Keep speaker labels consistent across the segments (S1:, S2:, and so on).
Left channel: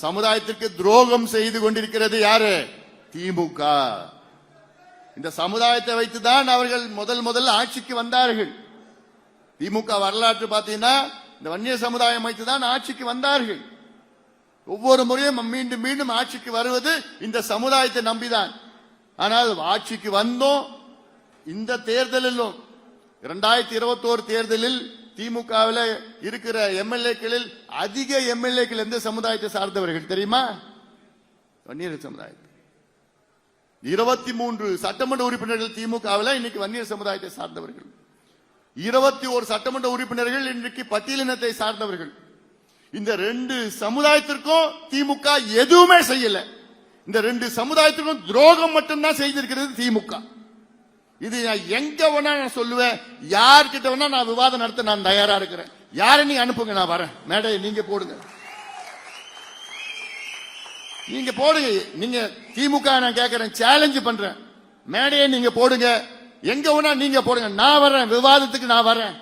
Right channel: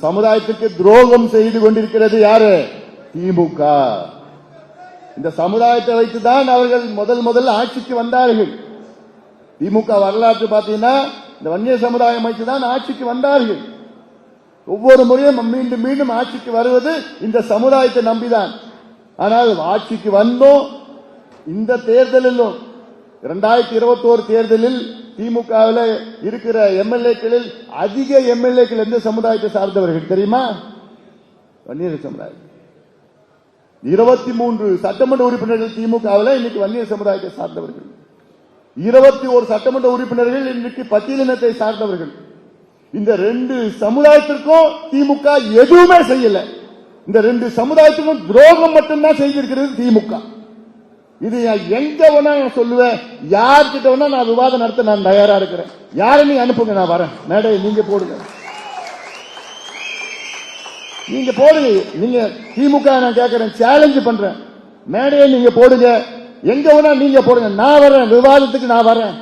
S1: சமுதாயத்துக்கு துரோகம் செய்து கொண்டிருக்கிறது யாரு? திமுக. இந்த சமுதாயத்தை வைத்துதான் அவர்கள் முதல் முதல் ஆட்சிக்கு வந்தார்கள். திமுக வரலாற்று பார்த்தீங்கன்னா இந்த வன்னிய சமுதாயம் வைத்துதான் ஆட்சிக்கு வந்தார்கள். ஒவ்வொரு முறையும் மீண்டும் மீண்டும் ஆட்சிக்கு வருவது இந்த சமுதாயத்தை நம்பிதான். ஆனால் ஆட்சிக்கு வந்தோம். இந்த தேர்தலிலும் இரண்டாயிரத்தி இருபத்தோரு தேர்தலில் திமுகவில் இருக்கிற எம்எல்ஏக்களில் அதிக எம்எல்ஏக்கள் எந்த சமுதாயத்தை சார்ந்தவர்கள் தெரியுமா? வன்னியர் சமுதாயம் இருபத்தி மூன்று சட்டமன்ற உறுப்பினர்கள் திமுகவில் இன்னைக்கு வன்னியர் சமுதாயத்தை சார்ந்தவர்கள். இருபத்தி ஒரு சட்டமன்ற உறுப்பினர்கள் இன்றைக்கு பட்டியலினத்தை சார்ந்தவர்கள். இந்த ரெண்டு சமுதாயத்திற்கும் திமுக எதுவுமே செய்யல. இந்த ரெண்டு சமுதாயத்திற்கும் துரோகம் மட்டும்தான் செய்திருக்கிறது திமுக. இது நான் எங்க வேணா நான் சொல்லுவேன். யார்கிட்ட வேணா நான் விவாதம் நடத்த நான் தயாரா இருக்கிறேன். யாரை நீங்க அனுப்புங்க நான் வரேன். மேடை நீங்க போடுங்க. நீங்க போடுங்க. நீங்க திமுக நான் கேட்கறேன் சேலஞ்சு பண்றேன். மேடையை நீங்க போடுங்க. எங்க வேணா நீங்க போடுங்க. நான் வரேன். விவாதத்துக்கு நான் வரேன்.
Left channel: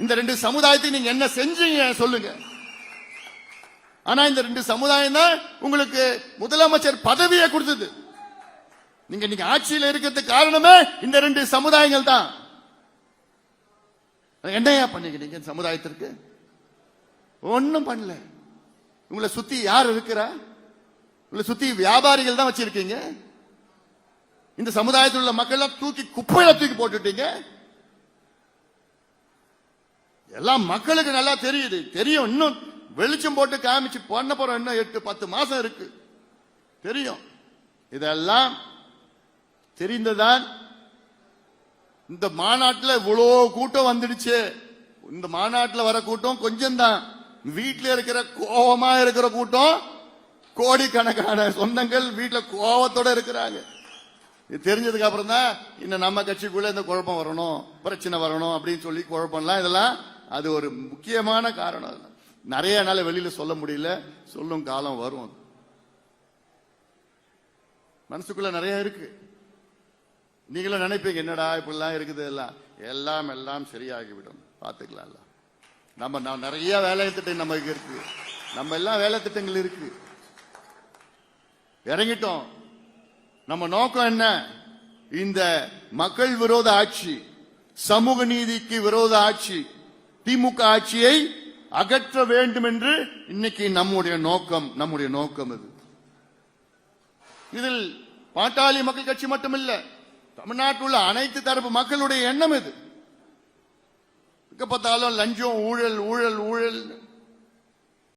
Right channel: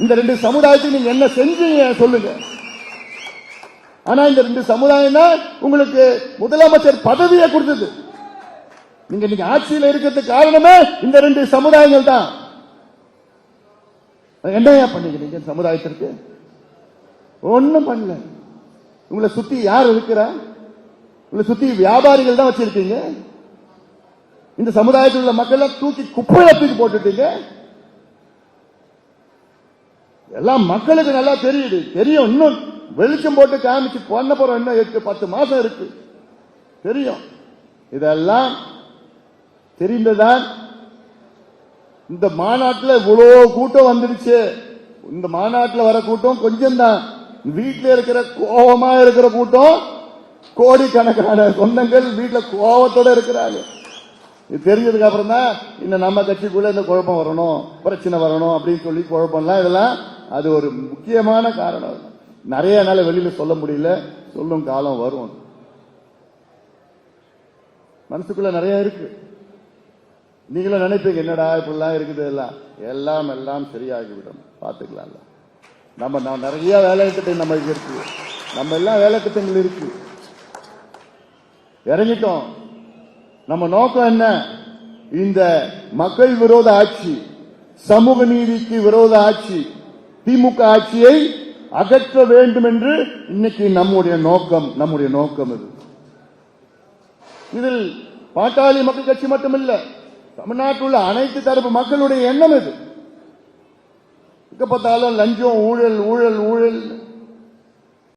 S1: இந்த ரெண்டு சமுதாயத்துக்கு நீங்க என்ன செஞ்சீங்க சொல்லுங்க. ஆனா இந்த ரெண்டு சமுதாயம் தான் உங்களுக்கு முதலமைச்சர் பதவியை கொடுத்தது. நீங்க இன்னைக்கு ஆட்சியில் இருக்கிறதுக்கு காரணமே இந்த ரெண்டு சமுதாயங்கள் தான் என்னையா பண்ணிக்கிறீங்க சமுதாயத்திற்கு? ஒன்றும் பண்ணல. உங்களை சுத்தி யார் இருக்கிறா? உங்களை சுத்தி வியாபாரிகள் தான் வச்சிருக்கீங்க. இந்த சமுதாயத்தில் உள்ள மக்கள் தூக்கி குப்பையில தூக்கி போட்டுட்டீங்க. எல்லாம் மக்களுக்கு நல்லா தெரியுது. தெரியும் இன்னும். வெளிச்சம் போட்டு காமிச்சு பண்ண போறோம் இன்னும் எட்டு பத்து மாசம் இருக்கு. தெரியும். இதெல்லாம் தெரிந்ததான் இந்த மாநாட்டில் இவ்வளோ கூட்டம் வந்துடுச்சு. இந்த மாநாட்டில் வர கூட்டம் கொஞ்சம் தான் வீட்டில் இருக்கிற கோபமா இருக்கிற கூட்டம் கோடிக்கணக்கான சொந்தங்கள் வீட்டில் கோபத்தோட இருக்கிறாங்க. இது தெரிஞ்சதுக்கு அப்புறம் தான் இன்னும் நம்ம கட்சிக்குள்ள இந்த குழப்பம் வரணும் பிரச்சனை வரணும் அப்படின்னு சொல்லி குழப்பம்லாம் இதெல்லாம் அது ஒரு முக்கியமான காரணம். நிறைய நாள் வெளியில சொல்ல முடியல. சொல்லும் காலம் வரும். மனசுக்குள்ள நிறைய இருக்கு. நீங்களும் நினைப்பீங்க என்னடா இப்படிலாம் இருக்குது எல்லாம் எல்லாம் எல்லாம் சரியாகிவிடும். பார்த்துக்கலாம்ல. நம்ம நான் நிறைய வேலை திட்டம் நமக்கு இருக்கு. நம்ம எல்லாம் வேலை திட்டங்கள் இருக்கு. இறங்கிட்டோம். நம்ம நோக்கம் என்ன? இந்த மக்கள் விரோத ஆட்சி சமூக நீதிக்கு விரோத ஆட்சி திமுக ஆட்சியை அகற்ற வேண்டும் என்று இன்னைக்கு நம்முடைய நோக்கம் நம்முடைய நோக்கம் இது. இதில் பாட்டாளி மக்கள் கட்சி மட்டுமில்லை. தமிழ்நாட்டில் உள்ள அனைத்து தரப்பு மக்களுடைய எண்ணம் இது. எங்க பார்த்தாலும் லஞ்சம் ஊழல் ஊழல் ஊழல்.